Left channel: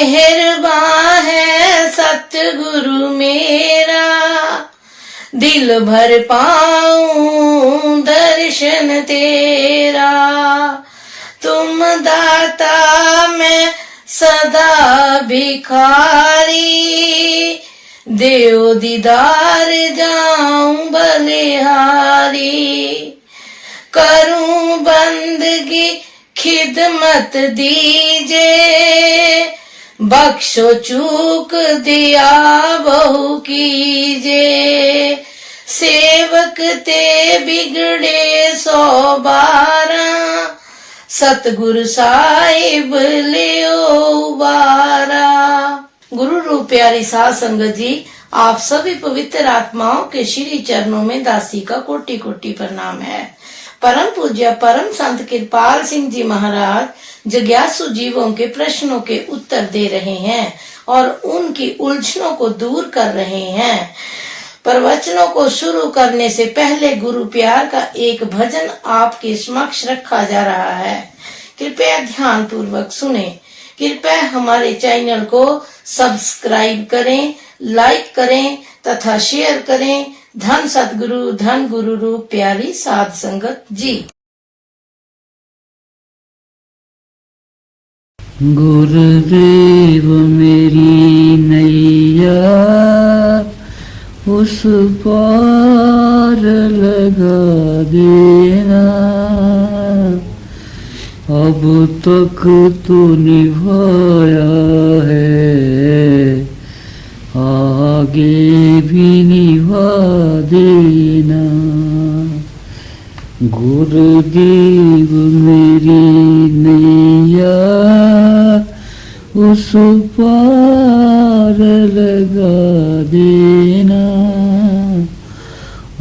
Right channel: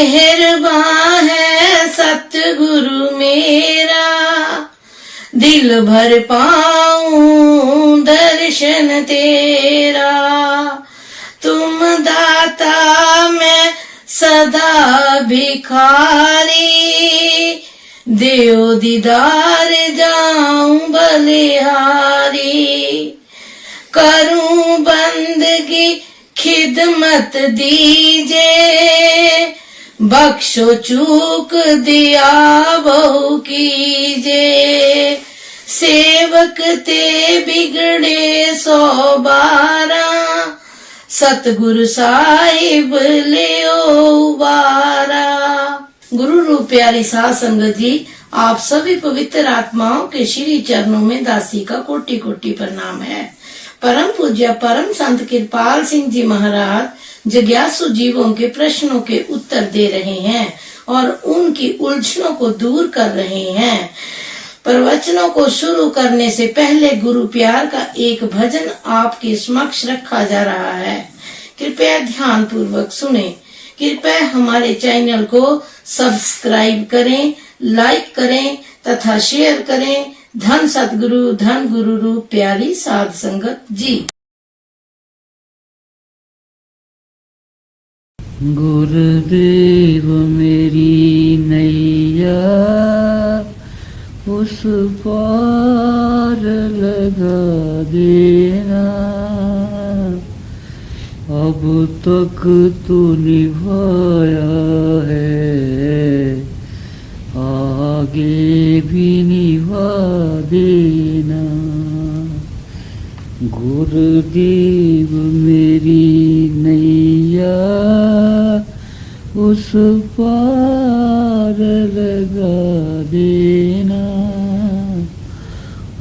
मेहरबान है सतगुरु मेरा, दिल भर पाऊं दर्शन तेरा। तुम दाता मैं सदा भिखारी, देव दीदार जाऊं बलिहारी। करूं बंदगी खिदमत दीजे, बख्शो चूक दिया बहु कीजे। सेवक ते बिगड़े 112, सतगुरु साहिब लियो उबारा। गुरु रूप प्यारी साध संगत जी, आप सभी पवित्र आत्माओं के श्री चरणों में दासी का कोटि कोटि प्रणाम है। परम पूज्य परम संत कृपाल सिंह जी महाराज जिज्ञासु जीवों के प्रश्नों के उत्तर दे रहे हैं और उनकी उलझनों को दूर कर रहे हैं। प्रवचनों को शुरू करने से पहले गुरु प्यार का एक भजन आपके समक्ष रखा जा रहा है। कृपया ध्यान पूर्वक सुने। कृपया हमारे चैनल को सब्सक्राइब करें, लाइक करें तथा शेयर करें। धन सतगुरु धन गुरु रूप प्यारी साध संगत जी। गुरुदेव मेरी नैया उस पार लगा देना, अब तक तो निभाया है, आगे भी निभा देना। गुरुदेव मेरी नैया उस पार लगा देना,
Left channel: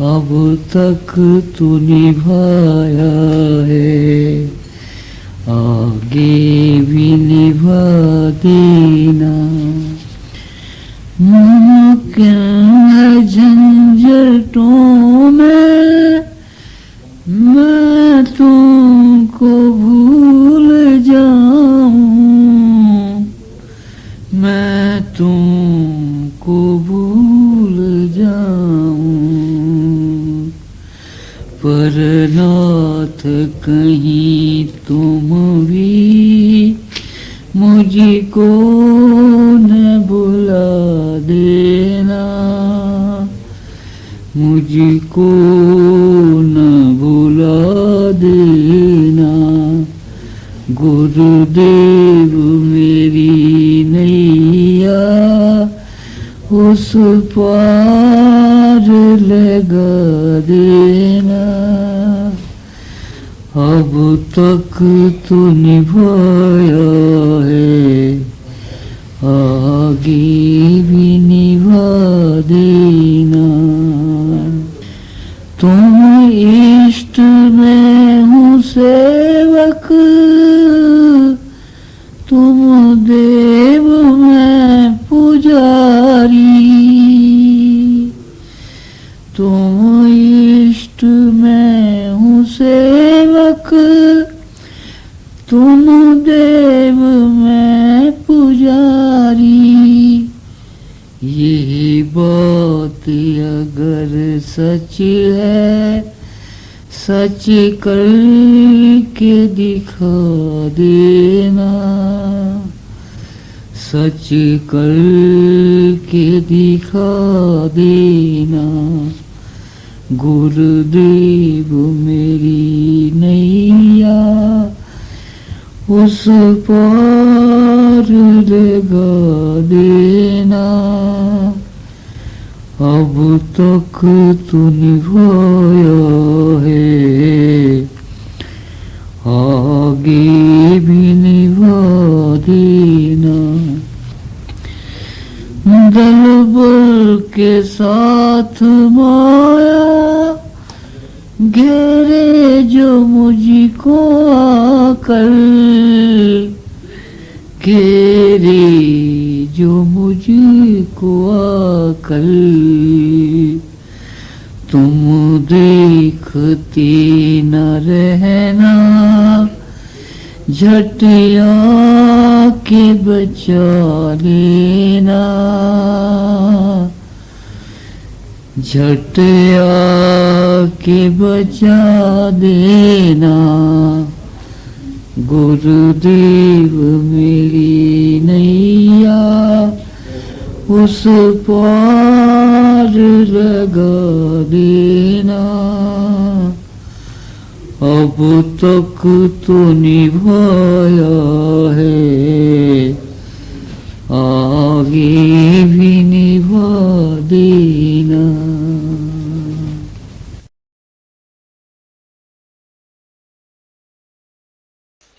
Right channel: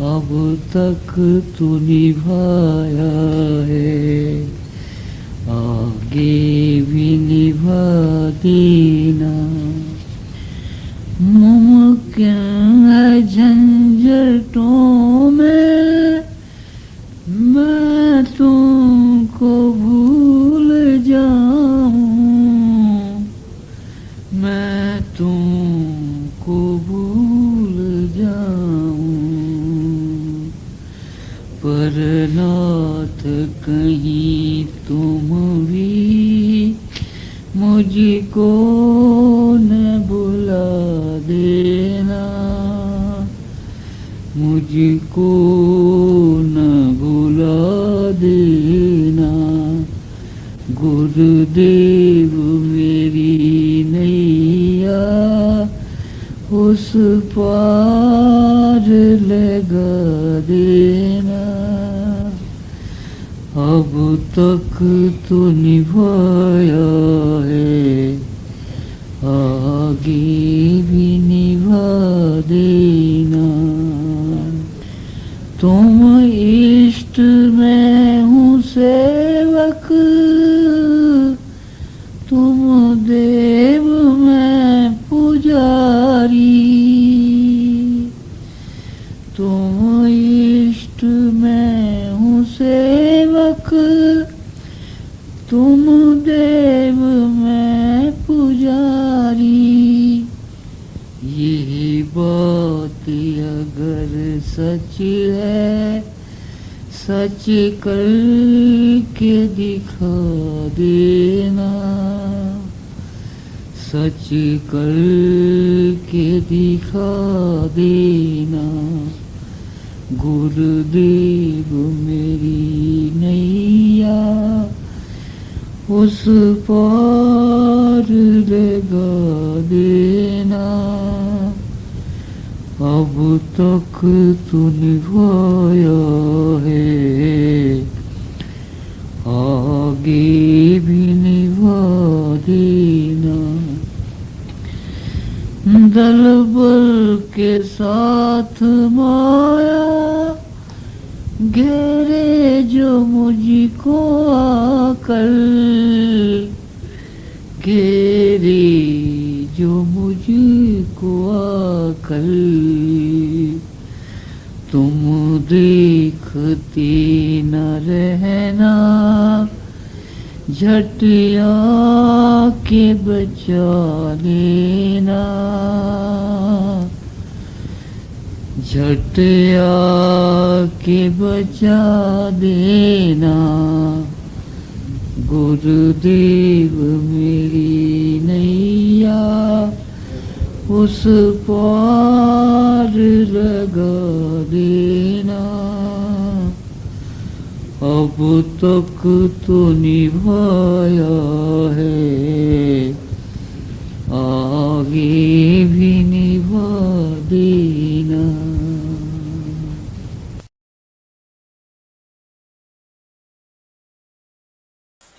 अब तक तो निभाया है, आगे भी निभा देना। मुमकिन है झंझटों में मैं तुमको भूल जाऊं, मैं तुमको भूल जाऊं, पर नाथ कहीं तुम भी मुझको न बुला देना, मुझको न बुला देना। गुरुदेव मेरी नैया उस पार लगा देना, अब तक तो निभाया है, आगे भी निभा देना। तुम इष्ट में हूँ सेवक, तुम देव में पुजारी, तुम इष्ट में हूँ सेवक, तुम देव में पुजारी। यही बात अगर सच है, सच कर के दिखा देना, सच कर के दिखा देना। गुरुदेव मेरी नैया उस पार लगा देना, अब तक तो निभाया है, आगे भी निभा देना। दल बल के साथ माया घेरे जो मुझको आकर, घेरे जो मुझको आकर, तुम देखते न रहना, झट आके बचा लेना, झट आके बचा देना। गुरुदेव मेरी नैया उस पार लगा देना। अब तक तो निभाया है, आगे भी निभा देना।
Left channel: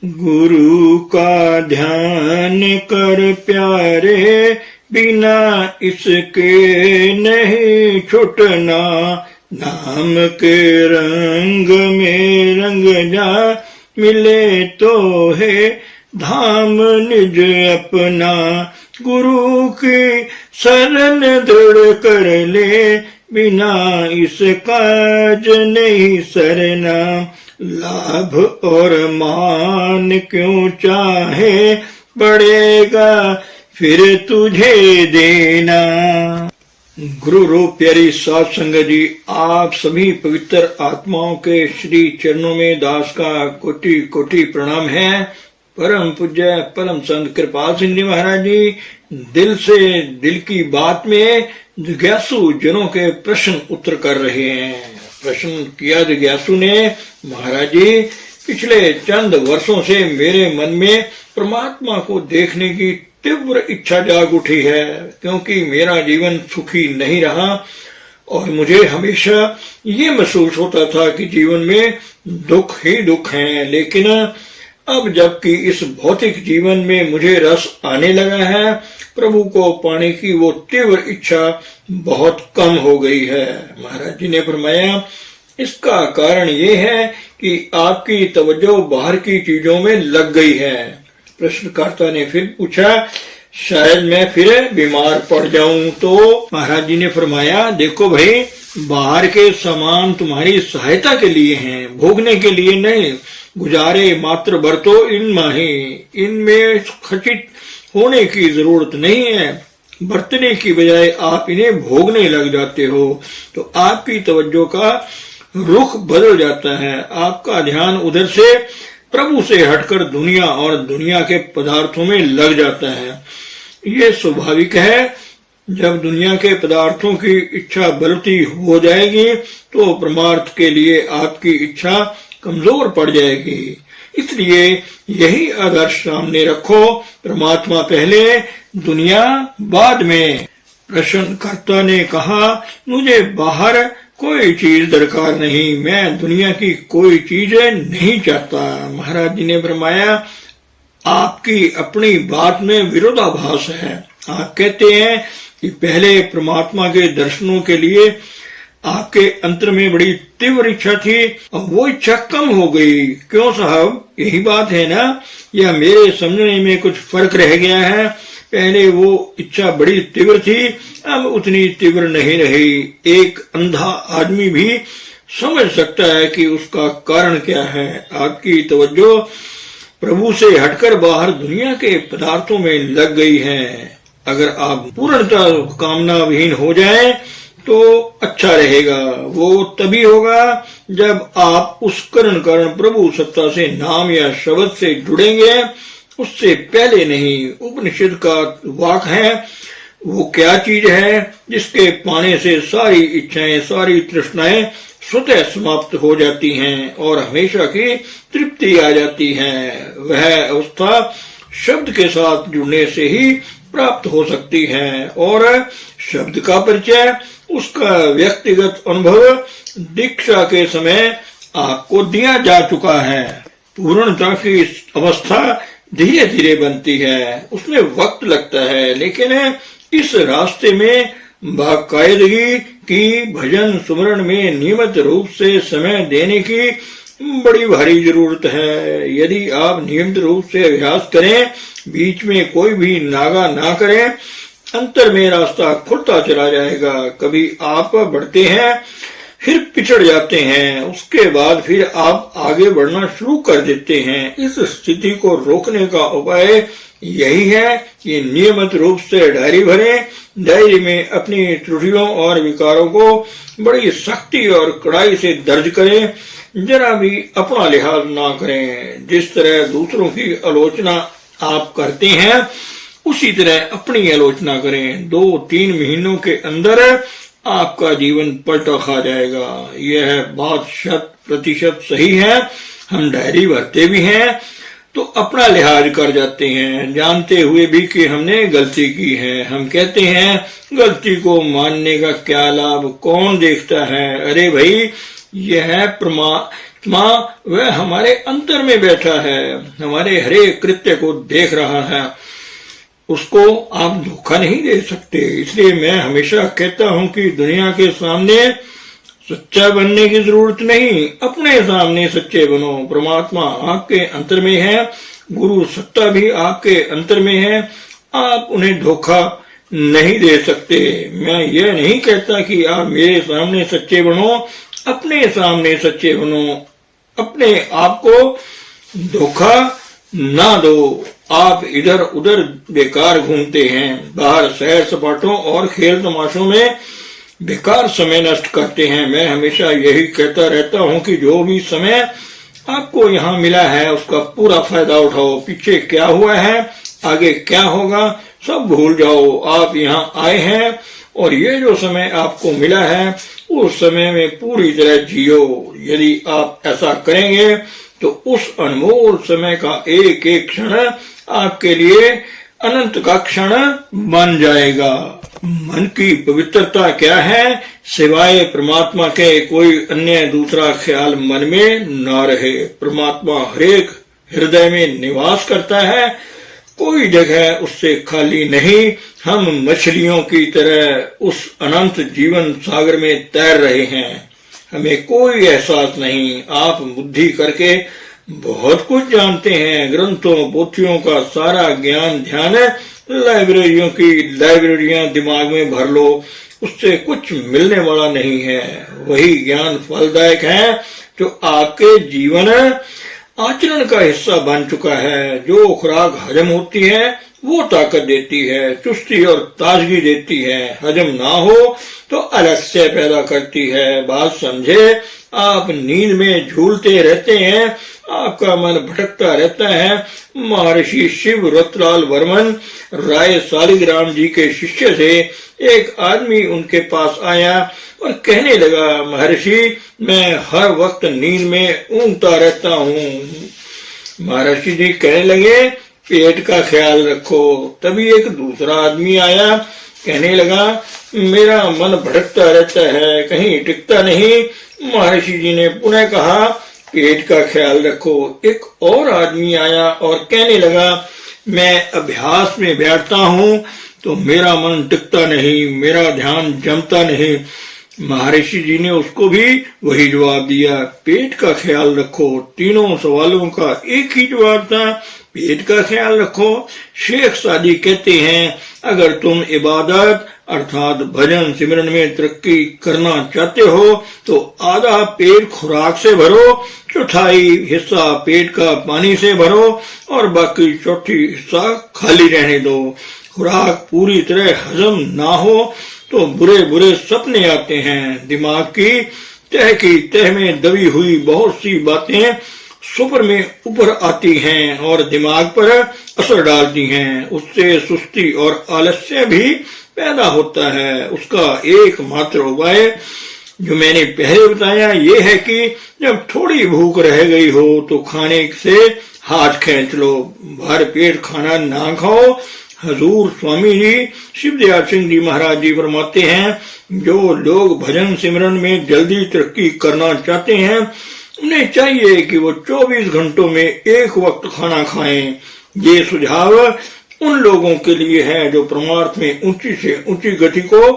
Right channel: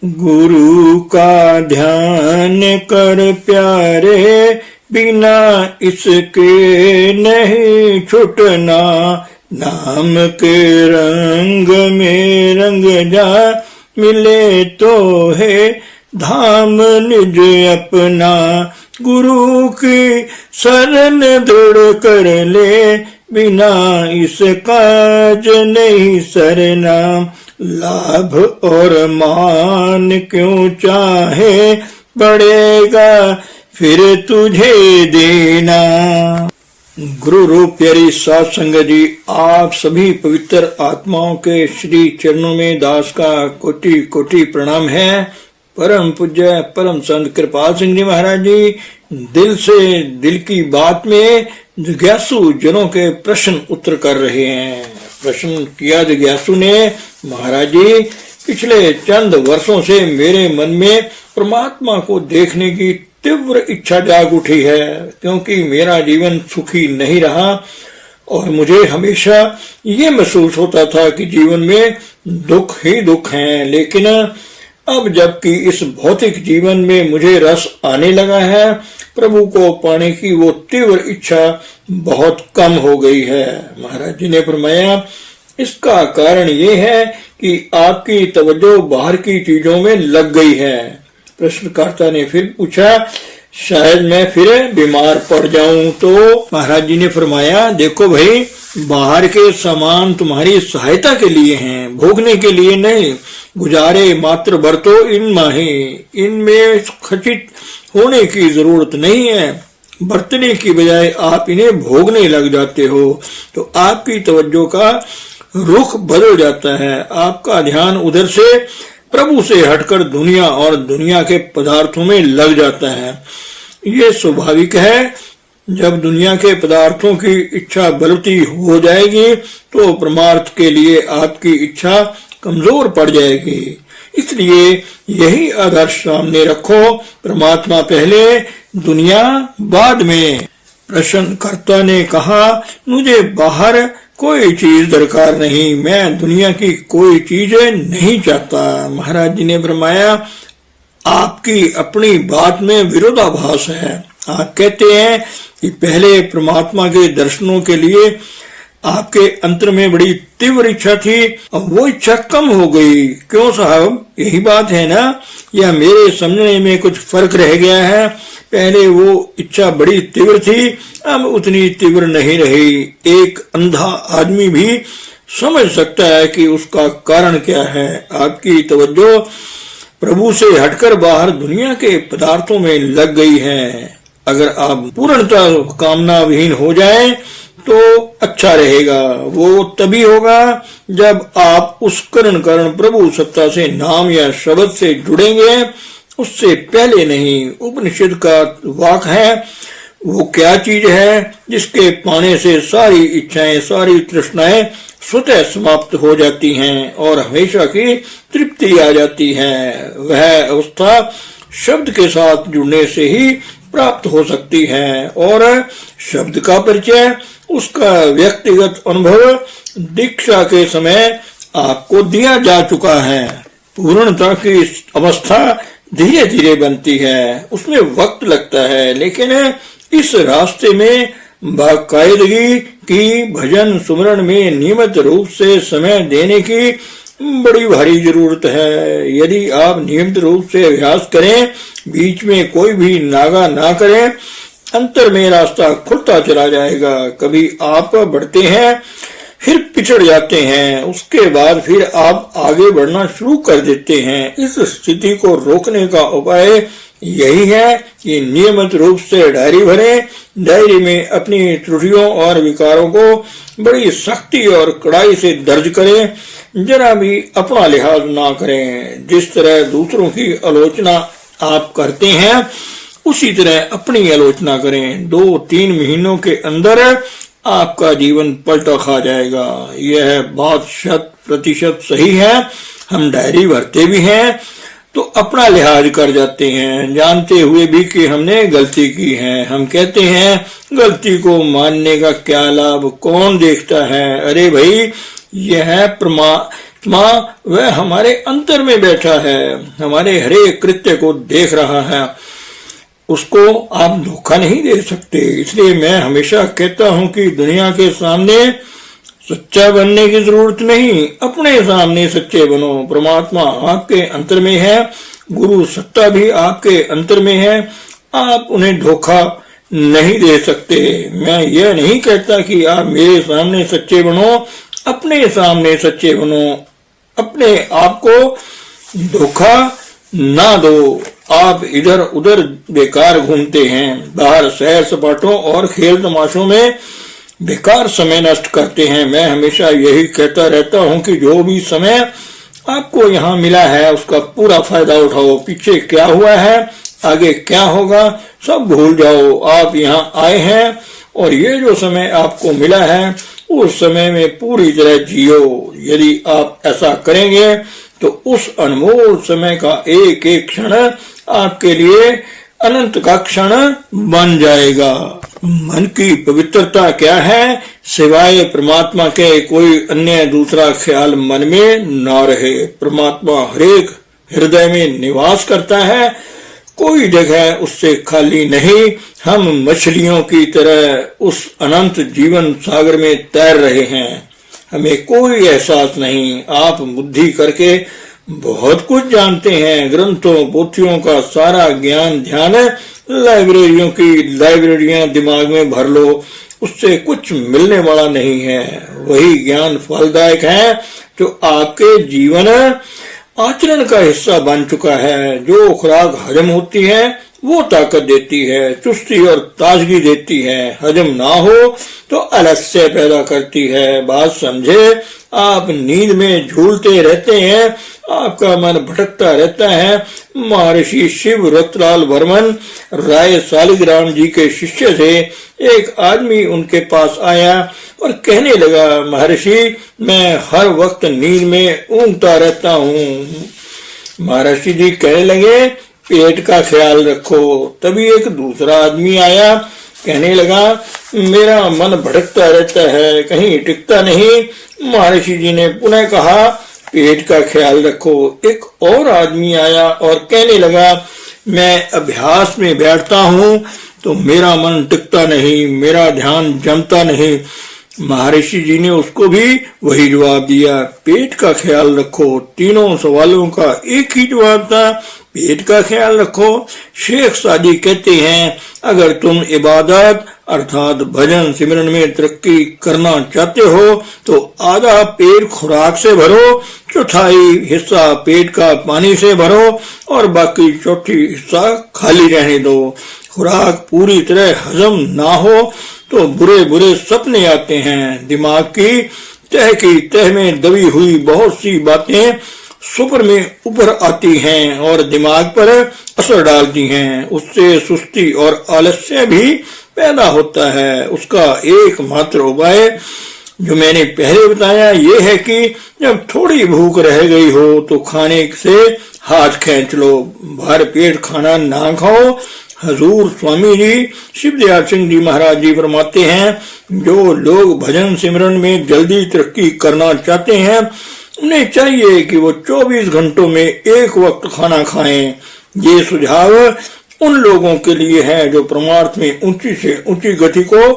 गुरु का ध्यान कर प्यारे, बिना इसके नहीं छुटना। नाम के रंग में रंग जा, मिले तो है धाम निज अपना। गुरु की शरण दृढ़ कर ले, बिना इस काज नहीं सरना। लाभ और मान क्यों चाहे, पड़ेगा फिर तुझे देना। गुरु रूप प्यारी साध संगत जी, आप सभी पवित्र आत्माओं के श्री चरणों में दास का कोटि कोटि प्रणाम है। परम पूज्य परम संत कृपाल सिंह जी महाराज जी दिल से दिल की बात में जिज्ञासु जनों के प्रश्न उत्तर कर रहे हैं। प्रश्न किया जिज्ञासु ने, महाराज जी पिछले चंद वर्षों से मेरे मन में परमात्मा को देखने की तीव्र इच्छा जाग उठी है, क्योंकि मेरा जीवन सुखी नहीं रहा और मुझे हमेशा ये महसूस होता था कि जीवन में दुख ही दुख हैं। लेकिन अब जबकि इस भौतिक जीवन में मुझे रस आने लगा है, प्रभु को पाने की वो तीव्र इच्छा बहुत कम हो गई है। महाराज जी ने फरमाया, इसका कारण ये है कि आपकी तवज्जो बाहर की चीजों में लग गई है। प्रश्नकर्ता ने फिर पूछा, शायद मैं फिर बीमार पड़ जाऊं तो? महाराज जी ने फरमाया, देखो भाई, बाहर के सामान तुम्हारी सहायता के लिए हैं, भोगने के लिए नहीं। गुजारे मात्र बरतो इनमें ही, इनमें खचित होने की जरूरत नहीं है। बरतने की बजाय आप इन्हें भोगने लग जाते हो तो आपकी तवज्जो का रुख बदल जाता है। आपका ध्यान उधर से प्रभु से हटकर दुनिया और दुनिया के पदार्थों में लग जाता है। ये स्वाभाविक है। जब दुनिया के पदार्थों की इच्छा बढ़ती हो जाएगी तो परमार्थ के लिए आपकी इच्छा कमजोर पड़ जाएगी। इसलिए यही आदर्श सामने रखो, परमात्मा पहले, दुनिया बाद में। प्रश्नकर्ता ने कहा, मुझे बाहर कोई चीज दरकार नहीं, मैं दुनिया की कोई चीज नहीं चाहता। महाराज जी ने फरमाया, आपकी अपनी बात में विरोधाभास है। आप कहते हैं कि पहले परमात्मा के दर्शनों के लिए आपके अंतर में बड़ी तीव्र इच्छा थी, अब वो इच्छा कम हो गई। क्यों साहब, यही बात है ना, या मेरे समझने में कुछ फर्क रह गया है? पहले वो इच्छा बड़ी तीव्र थी, अब उतनी तीव्र नहीं रही। एक अंधा आदमी भी समझ सकता है कि उसका कारण क्या है। आपकी तवज्जो प्रभु से हटकर बाहर दुनिया के पदार्थों में लग गई है। अगर आप पूर्णतः कामना विहीन हो जाएं तो अच्छा रहेगा। वो तभी होगा जब आप उस करण प्रभु सत्ता से नाम या शब्द से जुड़ेंगे, उससे पहले नहीं। उपनिषद का वाक है, वो क्या चीज है जिसके पाने से सारी इच्छाएं, सारी तृष्णाएं स्वतः समाप्त हो जाती हैं और हमेशा की तृप्ति आ जाती है। वह अवस्था शब्द के साथ जुड़ने से ही प्राप्त हो सकती है और शब्द का परिचय, उसका व्यक्तिगत अनुभव दीक्षा के समय आपको दिया जा चुका है। पूर्णता की अवस्था धीरे धीरे बनती है, उसमें वक्त लगता है, लेकिन इस रास्ते में बाकायदगी की भजन सुमरण में नियमित रूप से समय देने की बड़ी भारी जरूरत है। यदि आप नियमित रूप से अभ्यास करें, बीच में कोई भी नागा ना करें, अंतर में रास्ता खुलता चला जाएगा। कभी आप बढ़ते हैं फिर पिछड़ जाते हैं, उसके बाद फिर आप आगे बढ़ना शुरू कर देते हैं। इस स्थिति को रोकने का उपाय यही है कि नियमित रूप से डायरी भरें। डायरी में अपनी त्रुटियों और विकारों को बड़ी सख्ती और कड़ाई से दर्ज करें, जरा भी अपना लिहाज ना करें। जिस तरह दूसरों की आलोचना आप करते हैं उसी तरह अपनी आलोचना करें। 2-3 महीनों के अंदर आपका जीवन पलटा खा जाएगा। यह बात 100% सही है। हम डायरी भरते भी हैं तो अपना लिहाज कर जाते हैं, जानते हुए भी कि हमने गलती की है। हम कहते हैं गलती को मानने का क्या लाभ, कौन देखता है। अरे भाई, यह परमात्मा वह हमारे अंतर में बैठा है, हमारे हरेक कृत्य को देख रहा है, उसको आप धोखा नहीं दे सकते। इसलिए मैं हमेशा कहता हूं कि दुनिया के सामने सच्चा बनने की जरूरत नहीं, अपने सामने सच्चे बनो। परमात्मा आपके अंतर में है, गुरु सत्ता भी आपके अंतर में है, आप उन्हें धोखा नहीं दे सकते। मैं यह नहीं कहता कि आप मेरे सामने सच्चे बनो, अपने सामने सच्चे बनो, अपने आप को धोखा ना दो। आप इधर उधर बेकार घूमते हैं, बाहर सैर सपाटों और खेल तमाशों में बेकार समय नष्ट करते हैं। मैं हमेशा यही कहता रहता हूं कि जो भी समय आपको यहाँ मिला है उसका पूरा फायदा उठाओ। पीछे क्या हुआ है, आगे क्या होगा, सब भूल जाओ। आप यहाँ आए हैं और ये जो समय आपको मिला है उस समय में पूरी तरह जियो। यदि आप ऐसा करेंगे तो उस अनमोल समय का एक एक क्षण आपके लिए अनंत का क्षण बन जाएगा। मन की पवित्रता क्या है, सिवाय परमात्मा के कोई अन्य दूसरा ख्याल मन में न रहे। परमात्मा हरेक हृदय में निवास करता है, कोई जगह उससे खाली नहीं। हम मछलियों की तरह उस अनंत जीवन सागर में तैर रहे हैं, हमें कोई एहसास नहीं। आप बुद्धि करके बहुत कुछ जानते हैं, ग्रंथों पोथियों का सारा ज्ञान ध्यान लाइब्रेरियों की लाइब्रेरियां दिमाग में भर लो, उससे कुछ मिलने वाला नहीं है। वही ज्ञान फलदायक है जो आपके जीवन आचरण का हिस्सा बन चुका है। जो खुराक हजम होती है वो ताकत देती है, चुस्ती और ताजगी देती है। हजम ना हो तो आलस्य पैदा करती है। बात समझे, आप नींद में झूलते रहते हैं, आपका मन भटकता रहता है। महर्षि शिव रतलाल वर्मन राय सालिग्राम जी के शिष्य थे। एक आदमी उनके पास आया और कहने लगा, महर्षि मैं हर वक्त नींद में ऊँघता रहता हूँ। महर्षि जी कहने लगे, पेट का ख्याल रखो। तभी एक दूसरा आदमी आया, कहने लगा, मेरा मन भटकता रहता है, कहीं टिकता नहीं। महर्षि जी ने पुनः कहा, पेट का ख्याल रखो। एक और आदमी आया और कहने लगा, मैं अभ्यास में बैठता हूँ तो मेरा मन टिकता नहीं, मेरा ध्यान जमता नहीं। महर्षि जी ने उसको भी वही जवाब दिया, पेट का ख्याल रखो। तीनों सवालों का एक ही जवाब था, पेट का ख्याल रखो। शेख सादी कहते हैं, अगर तुम इबादत अर्थात भजन सिमरन में तरक्की करना चाहते हो तो आधा पेट खुराक से भरो, चौथाई हिस्सा पेट का पानी से भरो और बाकी चौथी हिस्सा खाली रहने दो। खुराक पूरी तरह हजम ना हो तो बुरे बुरे सपने आते हैं। दिमाग की तह में दबी हुई बहुत सी बातें सुपर में ऊपर आती हैं और दिमाग पर असर डालती हैं। उससे सुस्ती और आलस्य भी पैदा होता है। उसका एकमात्र उपाय जो मैंने पहले बताया ये है कि जब थोड़ी भूख रह गई हो तो खाने से हाथ खींच लो, भर पेट खाना ना खाओ। हजूर स्वामी जी शिवदयाल सिंह जी महाराज जी फरमाते हैं, जो लोग भजन सिमरन में जल्दी तरक्की करना चाहते हैं उन्हें चाहिए कि वो 24 घंटों में एक वक्त खाना खाएं। ये सुझाव उन लोगों के लिए है जो परमार्थ में ऊंची से ऊंची गति को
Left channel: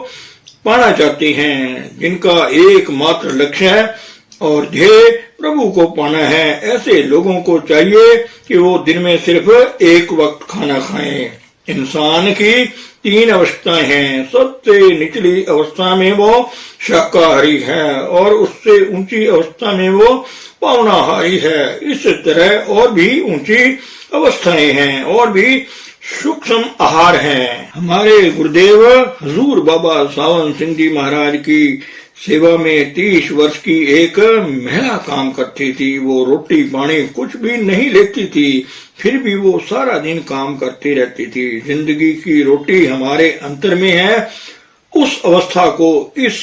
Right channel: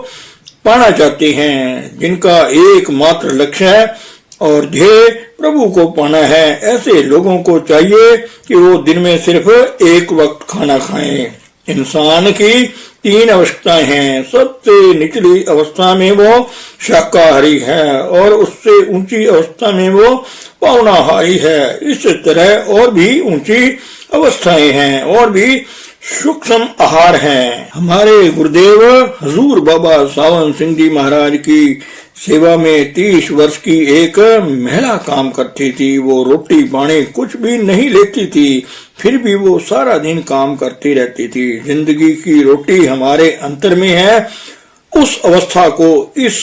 पाना चाहते हैं, जिनका एकमात्र लक्ष्य है और ध्येय प्रभु को पाना है। ऐसे लोगों को चाहिए कि वो दिन में सिर्फ एक वक्त खाना खाएं। इंसान की तीन अवस्थाएं हैं। सबसे निचली अवस्था में वो शाकाहारी है और उससे ऊंची अवस्था में वो पावनाहारी है। इस तरह और भी ऊंची अवस्थाएं हैं और भी सूक्ष्म आहार हैं। हमारे गुरुदेव हजूर बाबा सावन सिंह जी महाराज की सेवा में 30 वर्ष की एक महिला काम करती थी। वो रोटी पानी कुछ भी नहीं लेती थी, फिर भी वो सारा दिन काम करती रहती थी। जिंदगी की रोटी हमारे अंतर में है। उस अवस्था को इस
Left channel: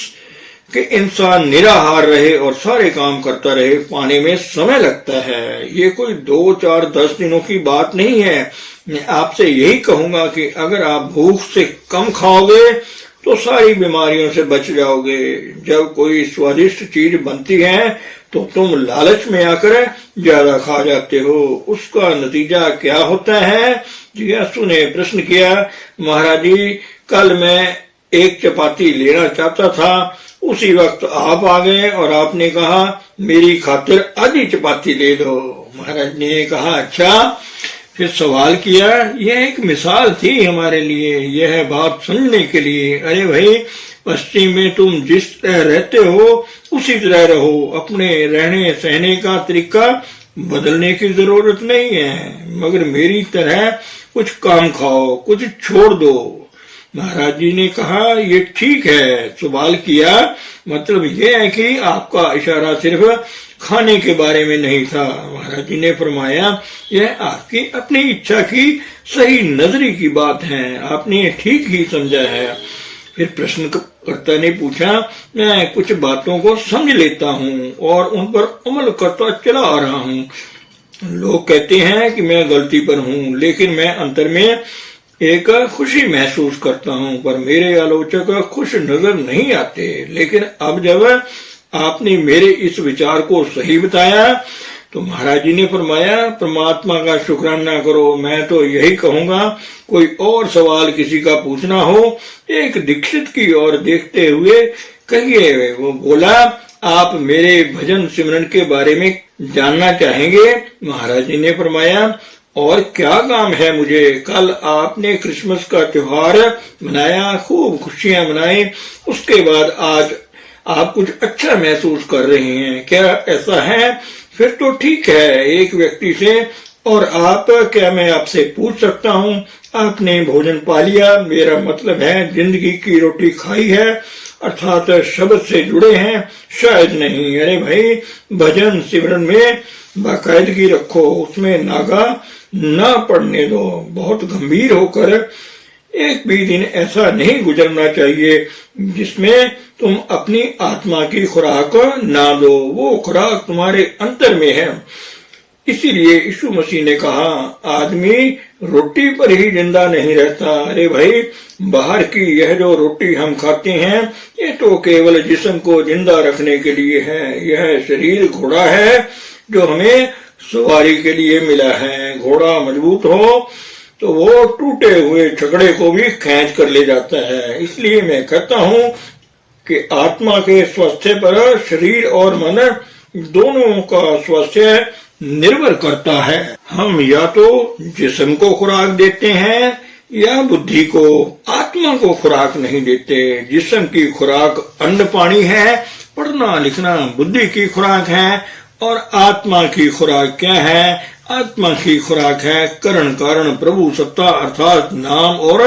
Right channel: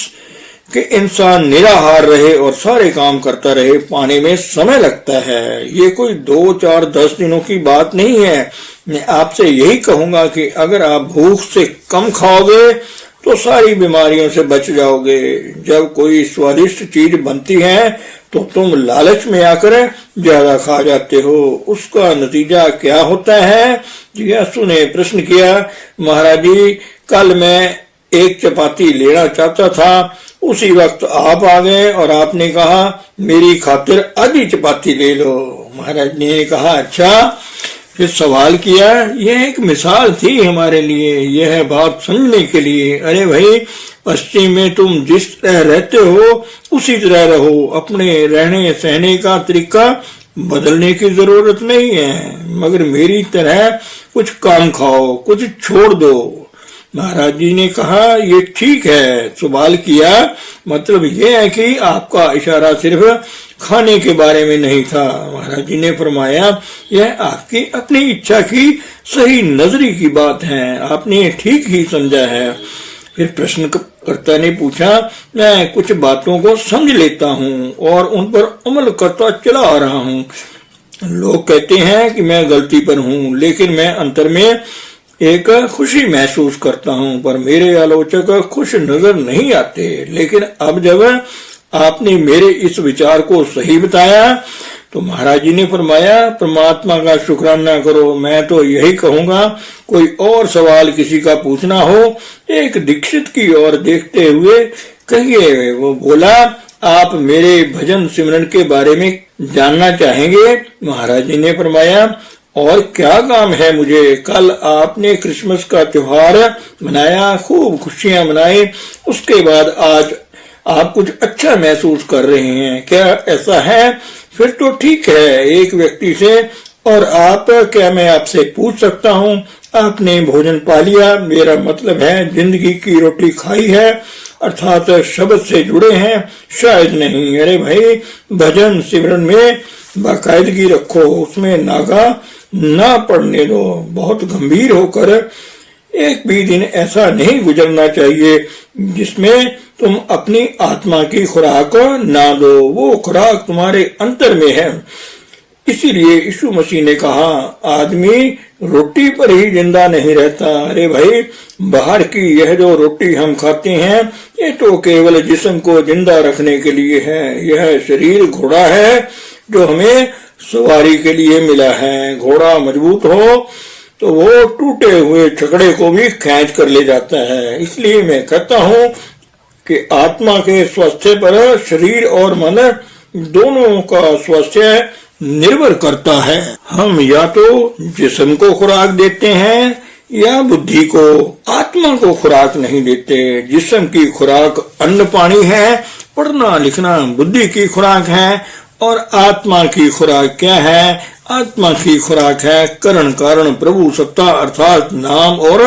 कि इंसान निराहार रहे और सारे काम करता रहे, पाने में समय लगता है। ये कोई 2, 4, 10 दिनों की बात नहीं है। मैं आपसे यही कहूंगा कि अगर आप भूख से कम खाओगे तो सारी बीमारियों से बच जाओगे। जब कोई स्वादिष्ट चीज बनती है तो तुम लालच में आकर ज्यादा खा जाते हो। उसका नतीजा क्या होता है? जिज्ञासु ने प्रश्न किया, महाराज जी, कल मैं एक चपाती लेना चाहता था, उसी वक्त आप आ गए और आपने कहा मेरी खातिर आधी चपाती ले लो। महाराज ने कहा अच्छा। फिर सवाल किया, यह एक मिसाल थी हमारे लिए, यह बात समझने के लिए। अरे भाई, पश्चिम में तुम जिस तरह रहते हो उसी तरह रहो। अपने रहने सहने का तरीका बदलने की जरूरत नहीं है, मगर मेरी तरह कुछ कम खाओ, कुछ छोड़ दो। महाराज जी ने कहा ये ठीक है। सवाल किया, मतलब ये है कि आपका इशारा सिर्फ खाने के बारे में नहीं था। महाराज जी ने फरमाया यह आपकी अपनी इच्छा की सही नजरी की बात है, आपने ठीक ही समझा है। फिर प्रश्नकर्ता ने पूछा, मैं कुछ बातों को समझ लेता हूँ और उन पर अमल करता चला आ रहा हूँ। लोग कहते हैं कि मैं गलती पर हूँ, लेकिन मैं अंतर में एक खुशी महसूस करता हूँ, पर मेरे आलोचक खुश नजर नहीं आते। लेकिन अब जब आपने मेरे इस विचार को सही बताया तो महाराज जी ने फरमाया, परमात्मा का शुक्राना करो। मैं तो यही कहूंगा, कोई और सवाल किसी का पूछना हो, एक दीक्षित की ओर देखते हुए कहिए। वो बोला, आप मेरे भजन सिमरन के बारे में जानना चाहेंगे? महाराज जी ने फरमाया, और क्या काम है मुझे? कल आपने क्रिसमस का त्योहार मनाया, खूब खुशियां मनाई, उसके बाद आज आप कुछ अच्छा महसूस कर रहे हैं, क्या ऐसा है? फिर तो ठीक है। एक व्यक्ति से, और आप, क्या मैं आपसे पूछ सकता हूँ, आपने भोजन पा लिया? मेरा मतलब है जिंदगी की रोटी खाई है, अर्थात शब्द से जुड़े हैं? शायद नहीं। अरे भाई, भजन सिमरन में बाकायदगी रखो, उसमें नागा ना पड़ने दो। बहुत गंभीर होकर एक भी दिन ऐसा नहीं गुजरना चाहिए जिसमें तुम अपनी आत्मा की खुराक ना दो। वो खुराक तुम्हारे अंतर में है। इसीलिए यीशु मसीह ने कहा, आदमी रोटी पर ही जिंदा नहीं रहता। अरे भाई, बाहर की यह जो रोटी हम खाते हैं ये तो केवल जिस्म को जिंदा रखने के लिए है। यह शरीर घोड़ा है जो हमें सवारी के लिए मिला है। घोड़ा मजबूत हो तो वो टूटे हुए छकड़े को भी खींच कर ले जाता है। इसलिए मैं कहता हूँ कि आत्मा के स्वास्थ्य पर शरीर और मन दोनों का स्वास्थ्य निर्भर करता है। हम या तो जिस्म को खुराक देते हैं या बुद्धि को, आत्मा को खुराक नहीं देते। जिस्म की खुराक अन्न पानी है, पढ़ना लिखना बुद्धि की खुराक है, और आत्मा की खुराक क्या है? आत्मा की खुराक है करण कारण प्रभु सत्ता, अर्थात नाम और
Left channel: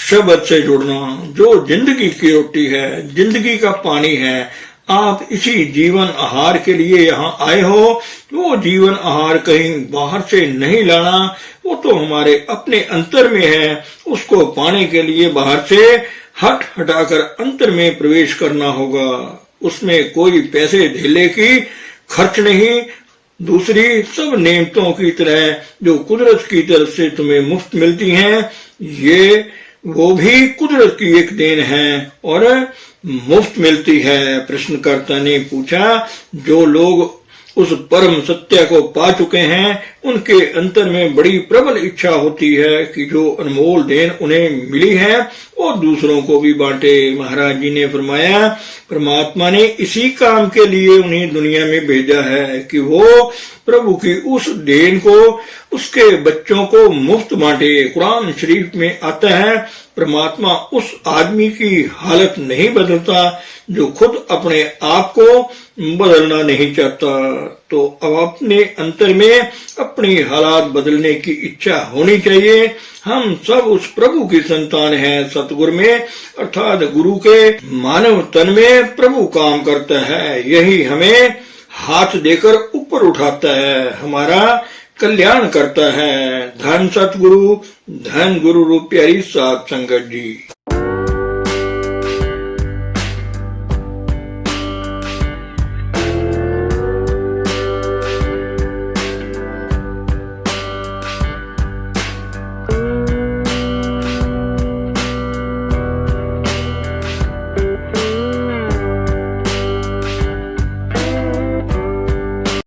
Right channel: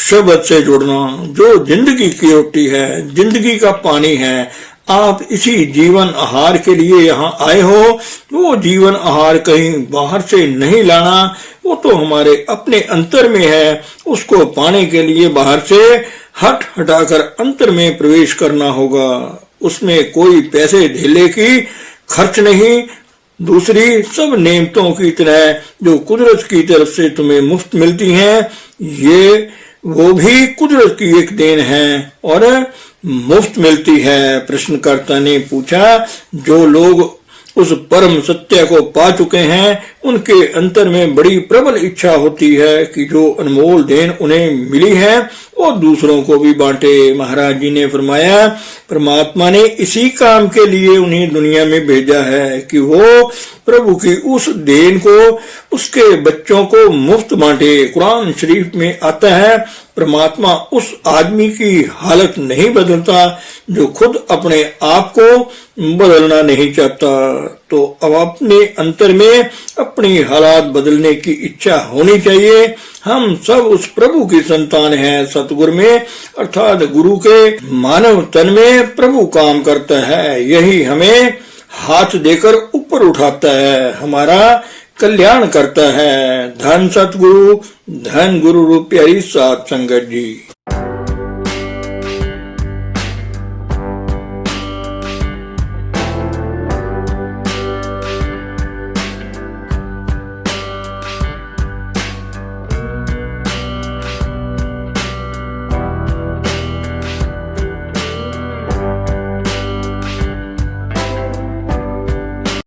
शब्द से जुड़ना, जो जिंदगी की रोटी है, जिंदगी का पानी है। आप इसी जीवन आहार के लिए यहाँ आए हो। वो जीवन आहार कहीं बाहर से नहीं लाना, वो तो हमारे अपने अंतर में है। उसको पाने के लिए बाहर से हटाकर अंतर में प्रवेश करना होगा। उसमें कोई पैसे धेले की खर्च नहीं। दूसरी सब नेमतों की तरह जो कुदरत की तरफ से तुम्हें मुफ्त मिलती हैं, ये वो भी कुदरत की एक देन है और मुफ्त मिलती है। प्रश्नकर्ता ने पूछा, जो लोग उस परम सत्य को पा चुके हैं उनके अंतर में बड़ी प्रबल इच्छा होती है कि जो अनमोल देन उन्हें मिली है वो दूसरों को भी बांटे। महाराज जी ने फरमाया, परमात्मा ने इसी काम के लिए उन्हें दुनिया में भेजा है कि वो प्रभु की उस देन को उसके बच्चों को मुफ्त बांटे। कुरान शरीफ में आता है, परमात्मा उस आदमी की हालत नहीं बदलता जो खुद अपने आप को बदलना नहीं चाहता। तो अब अपने अंतर में अपनी हालात बदलने की इच्छा होनी चाहिए। हम सब उस प्रभु की संतान हैं। सतगुरु में अर्थात गुरु के मानव तन में प्रभु काम करता है। यही हमें हाथ देकर ऊपर उठाता है, हमारा कल्याण करता है। धन सतगुरु, धन गुरु रूप प्यारी साध संगत जी।